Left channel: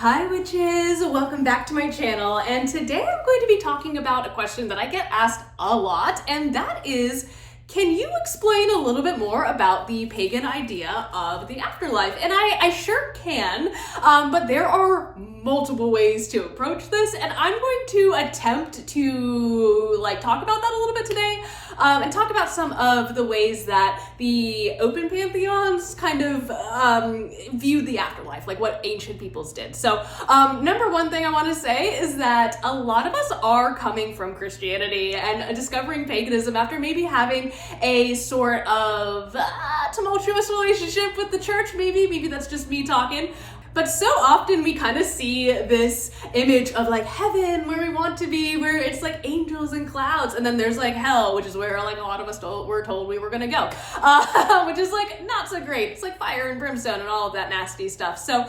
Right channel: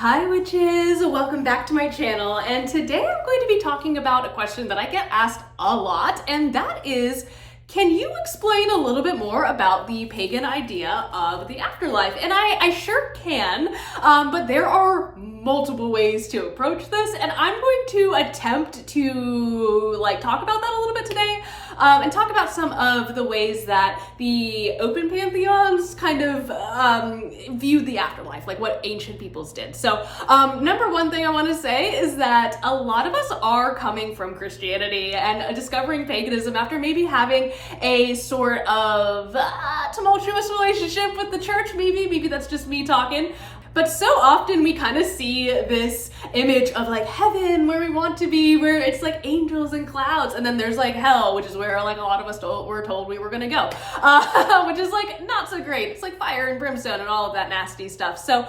Hi witches, welcome back to my channel, and today I'm going to be talking about a question that I get asked a lot, and that is, can you explain a little bit more about the pagan idea of the afterlife? And I sure can, but there are multiple ways to approach this, and I'm going to attempt to talk about that a little bit today, and talk about some of the ways that the open pantheons kind of viewed the afterlife, like what ancient peoples did. So number one thing I want to say is that a lot of us are coming from Christianity and discovering paganism after maybe having a sort of tumultuous relationship with the church. Maybe that's just me talking. But so often we kind of see this image of heaven where we want to be, where it's angels and clouds, and then there's hell, which is where a lot of us were told we were gonna go, which is not so great. It's fire and brimstone and all of that nasty stuff. So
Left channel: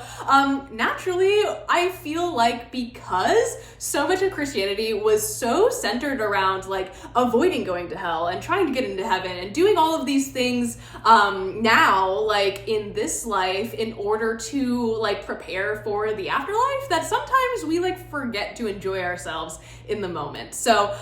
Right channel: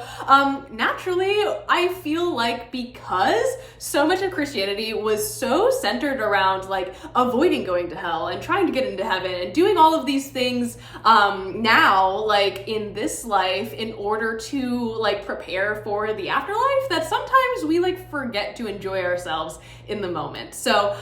naturally, I feel because so much of Christianity was so centered around avoiding going to hell and trying to get into heaven and doing all of these things now in this life in order to prepare for the afterlife, that sometimes we forget to enjoy ourselves in the moment. So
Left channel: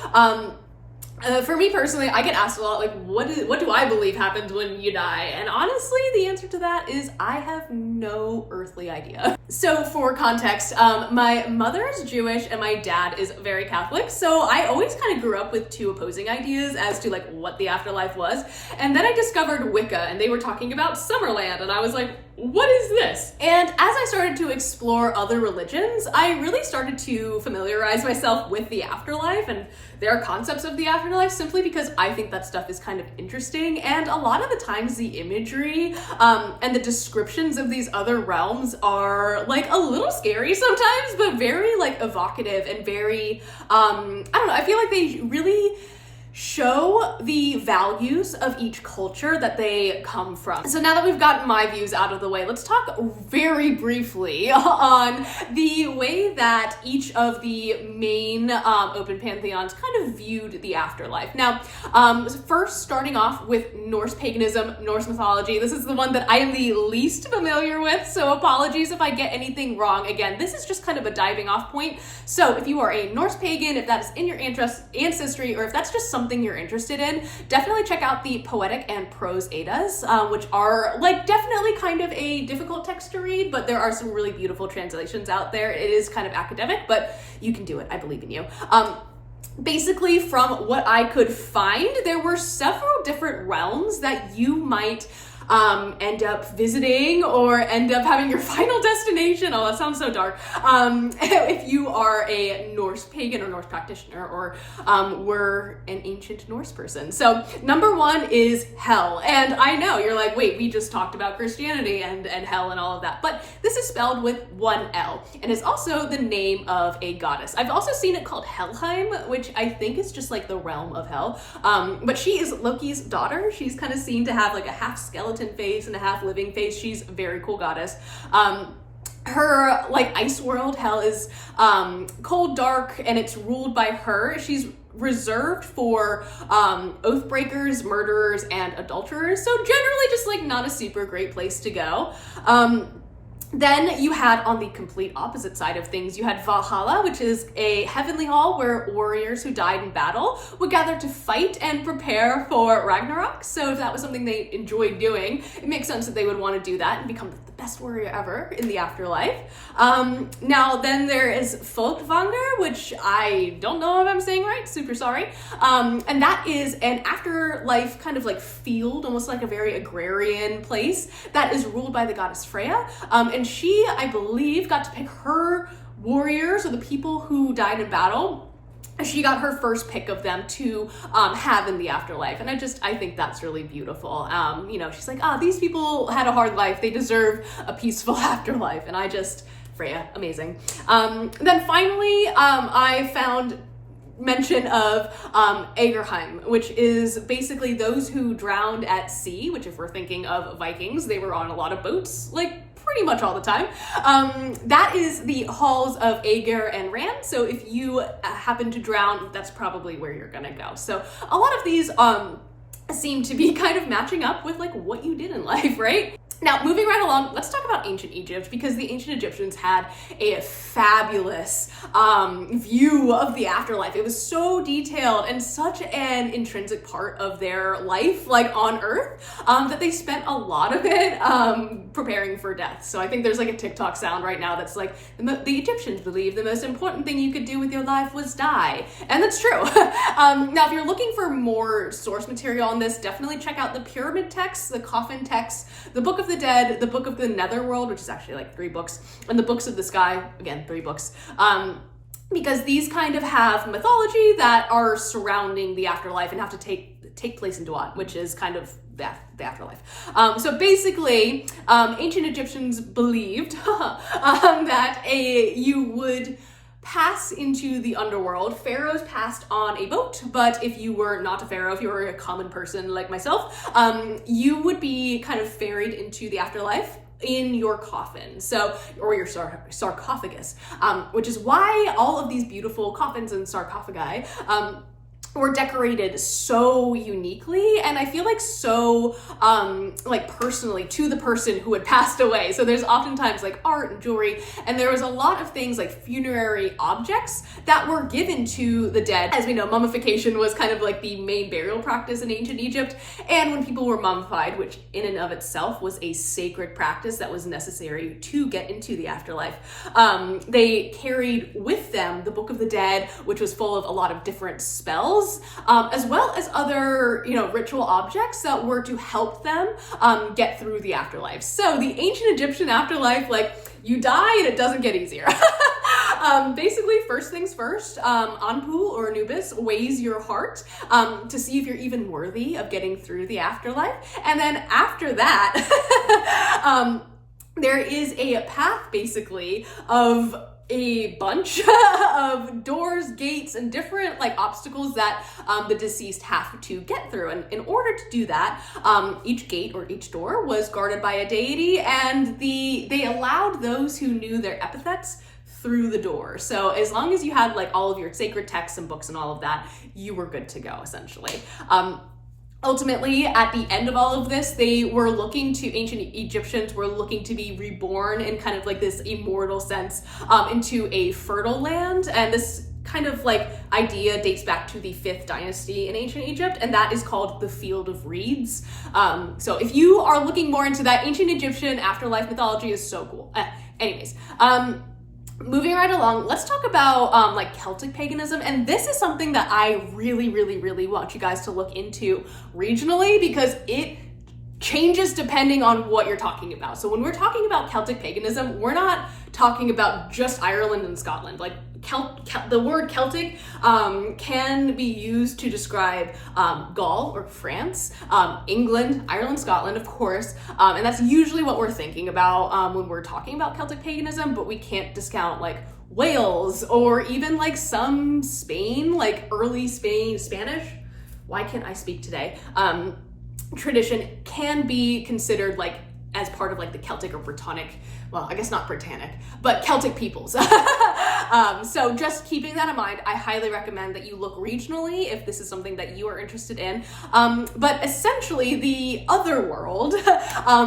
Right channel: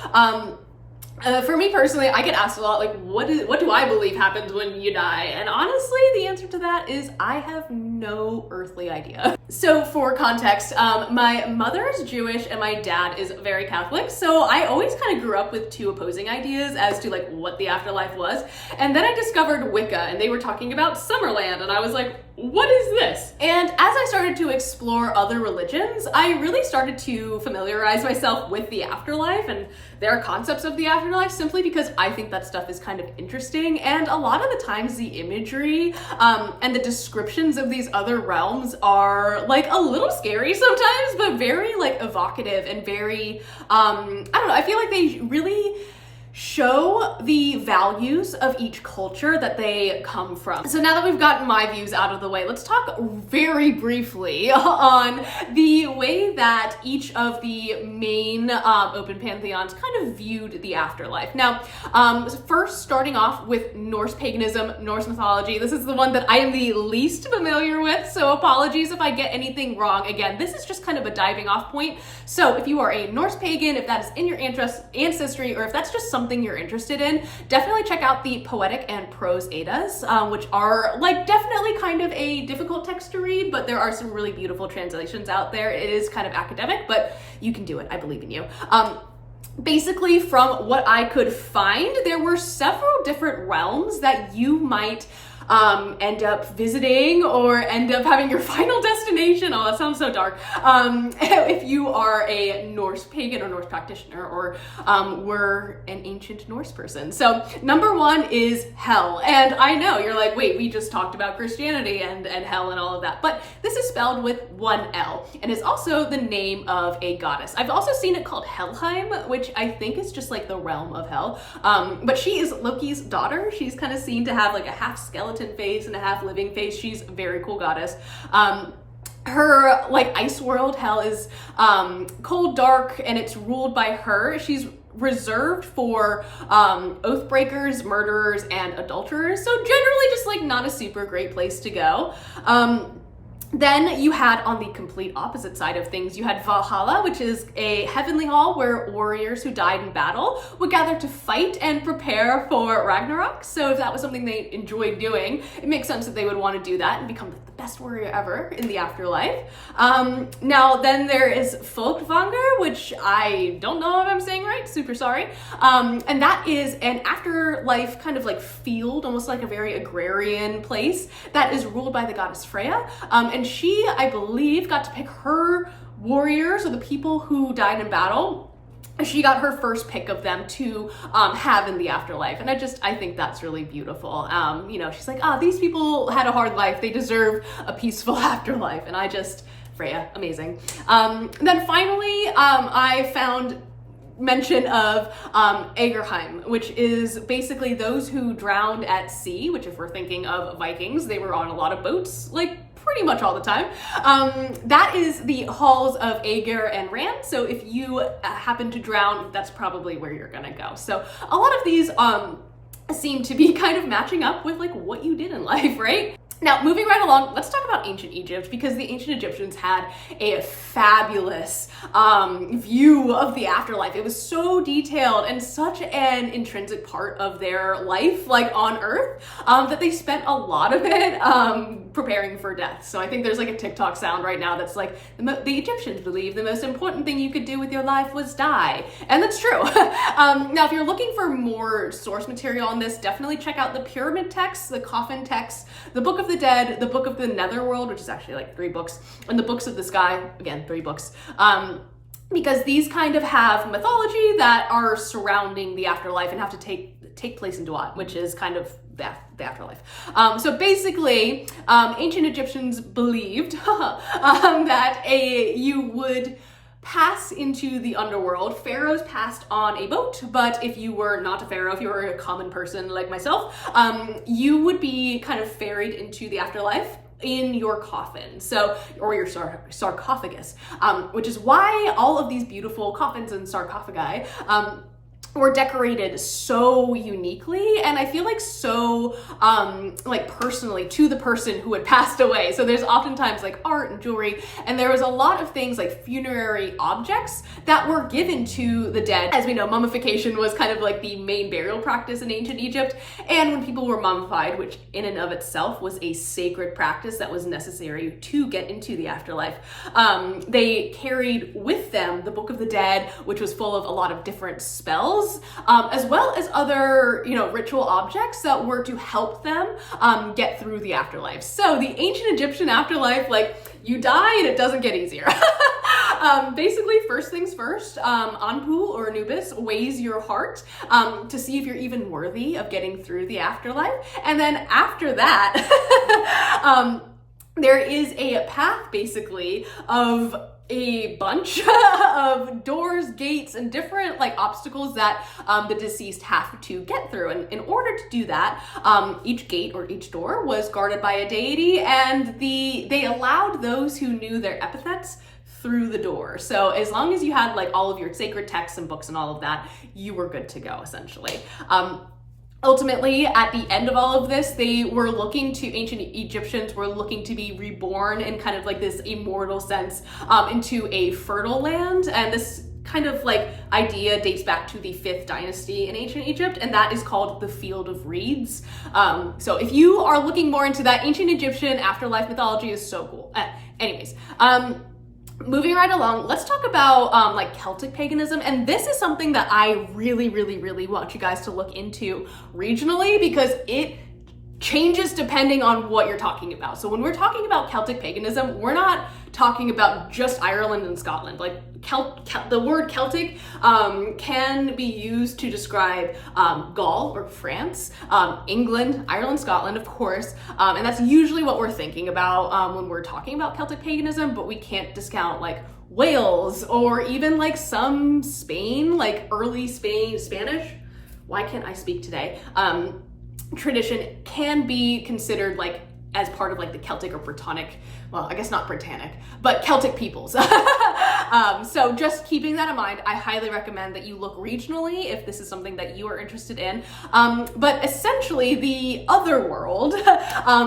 for me personally, I get asked a lot, what do I believe happens when you die? And honestly, the answer to that is I have no earthly idea. So for context, my mother is Jewish and my dad is very Catholic. So I always kind of grew up with two opposing ideas as to what the afterlife was. And then I discovered Wicca, and they were talking about Summerland, and I was like, what is this? And as I started to explore other religions, I really started to familiarize myself with the afterlife and their concepts of the afterlife, simply because I think that stuff is kind of interesting. And a lot of the times the imagery and the descriptions of these other realms are a little scary sometimes, but very evocative and very, I don't know, I feel like they really show the values of each culture that they come from. So now that we've gotten my views out of the way, let's talk very briefly on the way that each of the main open pantheons kind of viewed the afterlife. Now, first starting off with Norse paganism, Norse mythology. This is the one that I am the least familiar with, so apologies if I get anything wrong. Again, this is just kind of a diving off point. So if you are a Norse pagan, if that is in your ancestry, or if that's just something you're interested in, definitely check out the Poetic and Prose Eddas, which are definitely kind of a difficult text to read, but there are some really beautiful translations out there. It is kind of academic, but you can do it. I believe in you. Basically, from what I could find, there were several different realms that you might end up visiting or end up having your final destination. Oh, that sounds so dark. If you are a Norse pagan or Norse practitioner, or were an ancient Norse person. So number one is hell. And I know you're wait, we just talked about Christianity and hell and all of that, but this is spelled with one L and is also the name of a goddess. I've also seen it called Helheim, which I think is just the realm of hell. But she is Loki's daughter. She's kind of seen to have a half skeleton face and a half living face. She's a very cool goddess. Her ice world, hell, is cold, dark, and it's ruled by her. She's reserved for oath breakers, murderers, and adulterers. So generally just not a super great place to go. Then you had, on the complete opposite side of things, you had Valhalla, which is a heavenly hall where warriors who died in battle would gather to fight and prepare for Ragnarok. So if that was something they enjoyed doing, it makes sense that they would want to do that and become the best warrior ever in the afterlife. Now then there is Folkvanger, which I don't know if I'm saying right, super sorry. And that is an afterlife kind of field, almost a very agrarian place that is ruled by the goddess Freya. And she, I believe, got to pick her warriors, or the people who died in battle. She got her first pick of them to have in the afterlife. And I think that's really beautiful. She's these people had a hard life. They deserve a peaceful afterlife. And Freya, amazing. Then finally, I found mention of Agerheim, which is basically those who drowned at sea, which if we're thinking of Vikings, they were on a lot of boats, pretty much all the time. That is the halls of Aegir and Rand. So if you happen to drown, that's probably where you're gonna go. So a lot of these seem to be kind of matching up with like what you did in life, right? Now, moving right along, let's talk about ancient Egypt, because the ancient Egyptians had a fabulous view of the afterlife. It was so detailed and such an intrinsic part of their life, like on Earth, that they spent a lot of it preparing for death. So I think there's like a TikTok sound right now that's like, the Egyptians believe the most important thing you could do with your life was die. And that's true. Now, if you're looking for more source material on this, definitely check out the pyramid texts, the coffin texts, the Book of the Dead, the Book of the Netherworld, which is actually like 3 books, and the Books of the Sky, again, 3 books. Because these kind of have mythology that are surrounding the afterlife and have to take place in Duat, which is kind of the afterlife. So basically, ancient Egyptians believed that you would pass into the underworld. Pharaohs passed on a boat, but if you were not a pharaoh, if you were a common person like myself, you would be kind of ferried into the afterlife in your coffin, or your sarcophagus, which is why all of these beautiful coffins and sarcophagi were decorated so uniquely, and I feel like so like personally to the person who had passed away. So there's oftentimes like art and jewelry, and there was a lot of things like funerary objects that were given to the dead. As we know, mummification was kind of like the main burial practice in ancient Egypt, and when people were mummified, which in and of itself was a sacred practice that was necessary to get into the afterlife, they carried with them the Book of the Dead, which was full of a lot of different spells, as well as other, ritual objects that were to help them get through the afterlife. So the ancient Egyptian afterlife, like, you die and it doesn't get easier. Basically, first things first, Anpu or Anubis weighs your heart to see if you're even worthy of getting through the afterlife. And then after that, there is a path basically of a bunch of doors, gates, and different like obstacles that the deceased have to get through. And in order to do that, each gate or each door was guarded by a deity, and they allowed those who knew their epithets through the door. So as long as you had like all of your sacred texts and books and all of that, you were good to go, essentially. Ultimately, at the end of all of this, ancient Egyptians were looking to be reborn in kind of like this immortal sense into a fertile land. And this kind of like idea dates back to the 5th dynasty in ancient Egypt, and that is called the Field of Reeds. So if you are looking more into that, ancient Egyptian afterlife mythology is so cool. Anyways, moving right along, let's talk about like Celtic paganism. And this is something that I really, really, really want you guys to look into regionally, because it changes depending on what you're talking about. So when we're talking about Celtic paganism, we're not talking about just Ireland and Scotland. Like the word Celtic can be used to describe Gaul or France, England, Ireland, Scotland, of course, and that's usually what we're thinking about when we're talking about Celtic paganism, but we can't discount like Wales or even like some Spain, like early Spanish. Why can't I speak today? Tradition can be considered like as part of like the Celtic or Brittonic, well, I guess not Britannic, but Celtic peoples. So just keeping that in mind, I highly recommend that you look regionally if this is something that you are interested in. But essentially, the other world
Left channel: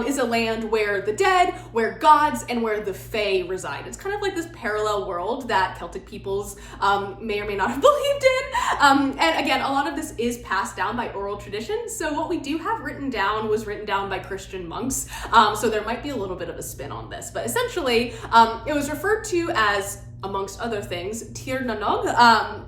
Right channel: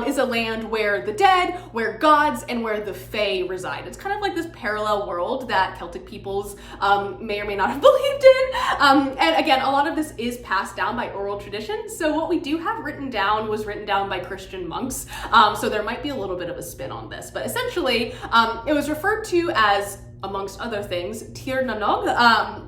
is a land where the dead, where gods, and where the fae reside. It's kind of like this parallel world that Celtic peoples may or may not have believed in. And again, a lot of this is passed down by oral tradition. So what we do have written down was written down by Christian monks. So there might be a little bit of a spin on this. But essentially, it was referred to as, amongst other things, Tir na Nog,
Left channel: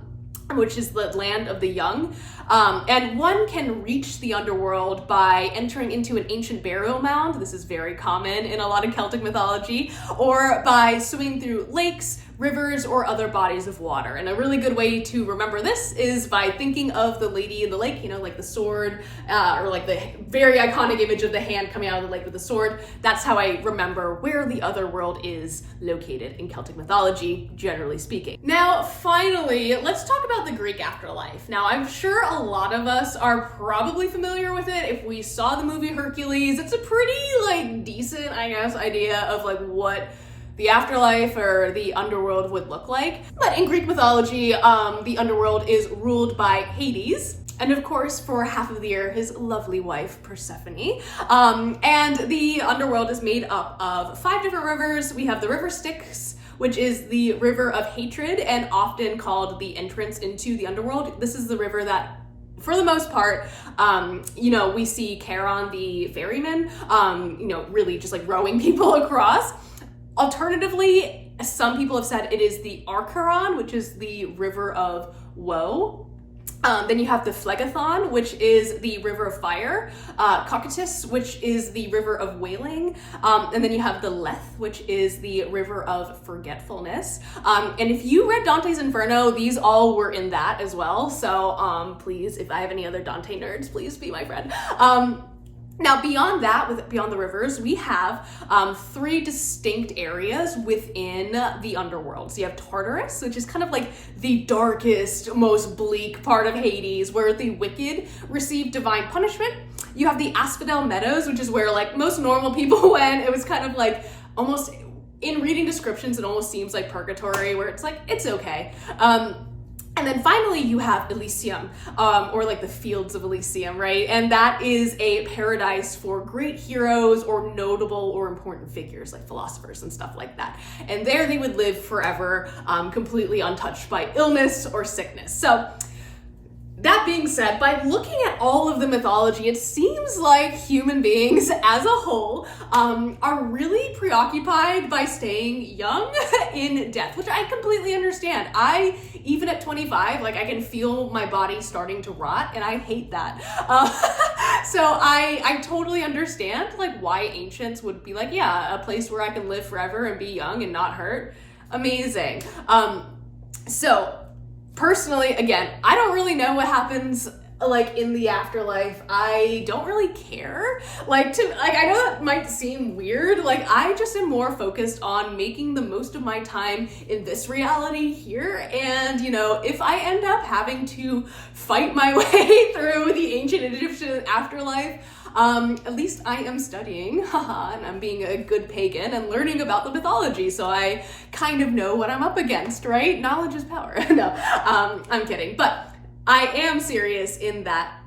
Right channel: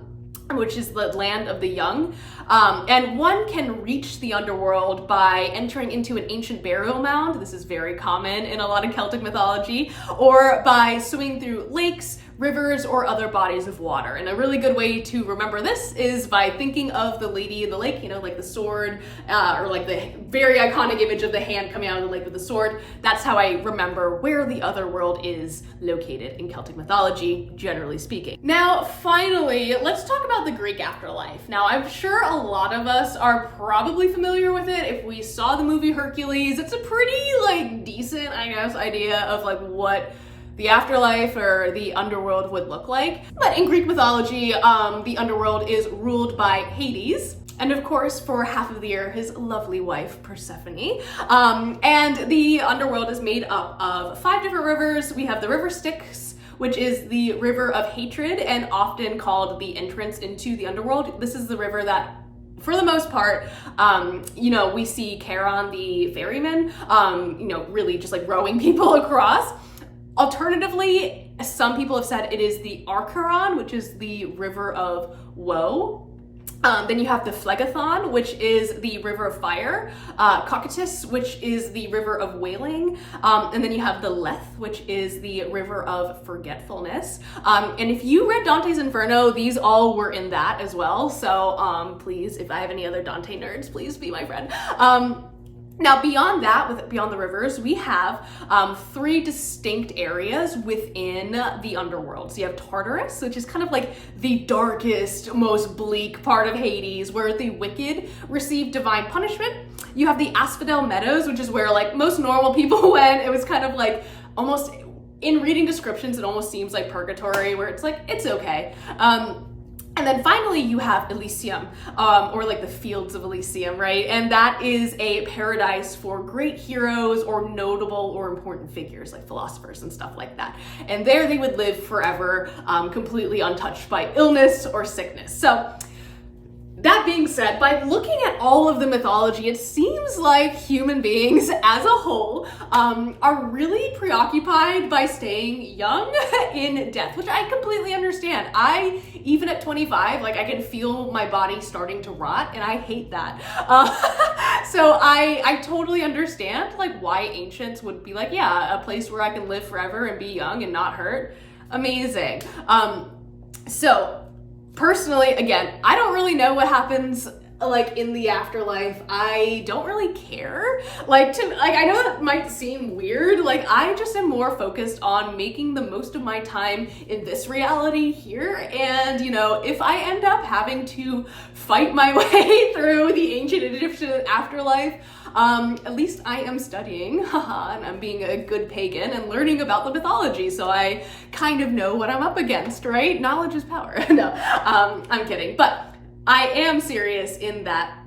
which is the land of the young. And one can reach the underworld by entering into an ancient burial mound. This is very common in a lot of Celtic mythology, or by swimming through lakes, rivers, or other bodies of water. And a really good way to remember this is by thinking of the Lady in the Lake, like the sword, or like the very iconic image of the hand coming out of the lake with the sword. That's how I remember where the other world is located in Celtic mythology, generally speaking. Now, finally, let's talk about the Greek afterlife. Now, I'm sure a lot of us are probably familiar with it. If we saw the movie Hercules, it's a pretty like decent, I guess, idea of like what the afterlife or the underworld would look like. But in Greek mythology, the underworld is ruled by Hades, and of course, for half of the year, his lovely wife, Persephone. And the underworld is made up of 5 different rivers. We have the river Styx, which is the river of hatred and often called the entrance into the underworld. This is the river that, for the most part, we see Charon, the ferryman, really just like rowing people across. Alternatively, some people have said it is the Archeron, which is the river of woe. Then you have the Phlegethon, which is the river of fire, Cocytus, which is the river of wailing, and then you have the Lethe, which is the river of forgetfulness. And if you read Dante's Inferno, these all were in that as well. So please, if I have any other Dante nerds, please be my friend. Now, beyond that, beyond the rivers, we have 3 distinct areas within the underworld. So you have Tartarus, which is kind of like the darkest, most bleak part of Hades, where the wicked receive divine punishment. You have the Asphodel Meadows, which is where like most normal people went. It was kind of like almost, in reading descriptions, it almost seems like purgatory, where it's like, it's okay. And then finally you have Elysium, or like the fields of Elysium, right? And that is a paradise for great heroes or notable or important figures like philosophers and stuff like that. And there they would live forever, completely untouched by illness or sickness. So that being said, by looking at all of the mythology, it seems like human beings as a whole are really preoccupied by staying young in death, which I completely understand. Even at 25, like I can feel my body starting to rot, and I hate that. So I totally understand like why ancients would be like, yeah, a place where I can live forever and be young and not hurt. Amazing. So personally, again, I don't really know what happens like in the afterlife. I don't really care. I know that might seem weird. Like I just am more focused on making the most of my time in this reality here. And if I end up having to fight my way through the ancient Egyptian afterlife, at least I am studying, and I'm being a good pagan and learning about the mythology, so I kind of know what I'm up against, right? Knowledge is power. No, I'm kidding. But I am serious in that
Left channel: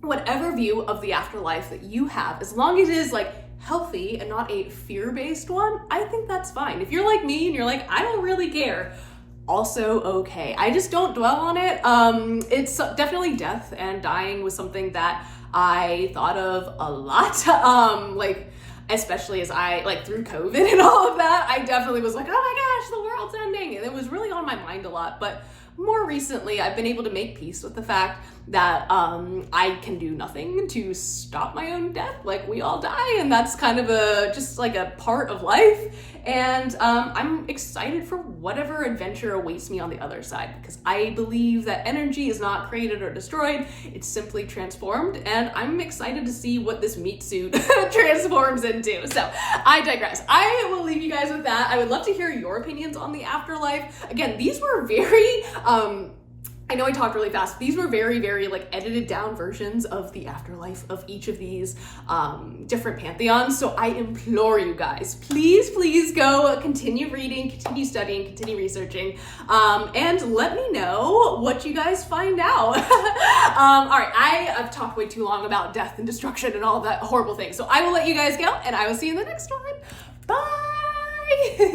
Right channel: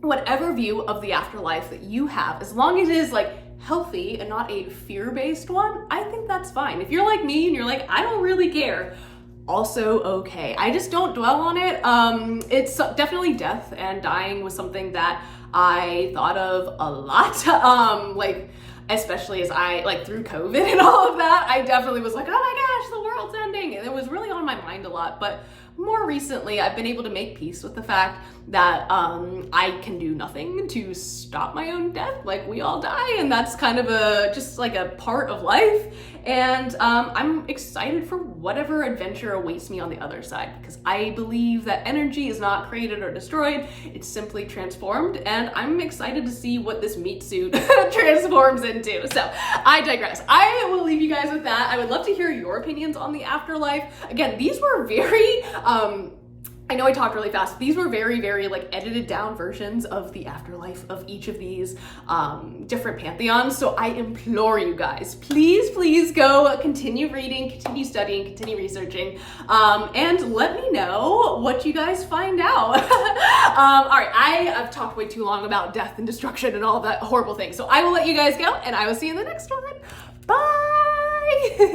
whatever view of the afterlife that you have, as long as it is like healthy and not a fear-based one, I think that's fine. If you're like me and you're like, I don't really care, also okay. I just don't dwell on it. It's definitely death and dying was something that I thought of a lot, especially as I, through COVID and all of that, I definitely was like, oh my gosh, the world's ending. And it was really on my mind a lot. But more recently, I've been able to make peace with the fact that I can do nothing to stop my own death. Like, we all die, and that's kind of just like a part of life. And I'm excited for whatever adventure awaits me on the other side, because I believe that energy is not created or destroyed, it's simply transformed, and I'm excited to see what this meat suit transforms into. So I digress. I will leave you guys with that. I would love to hear your opinions on the afterlife. Again, these were very I know I talked really fast. These were very, very edited down versions of the afterlife of each of these different pantheons. So I implore you guys, please, please go continue reading, continue studying, continue researching, and let me know what you guys find out. All right, I've talked way too long about death and destruction and all of that horrible things. So I will let you guys go, and I will see you in the next one. Bye.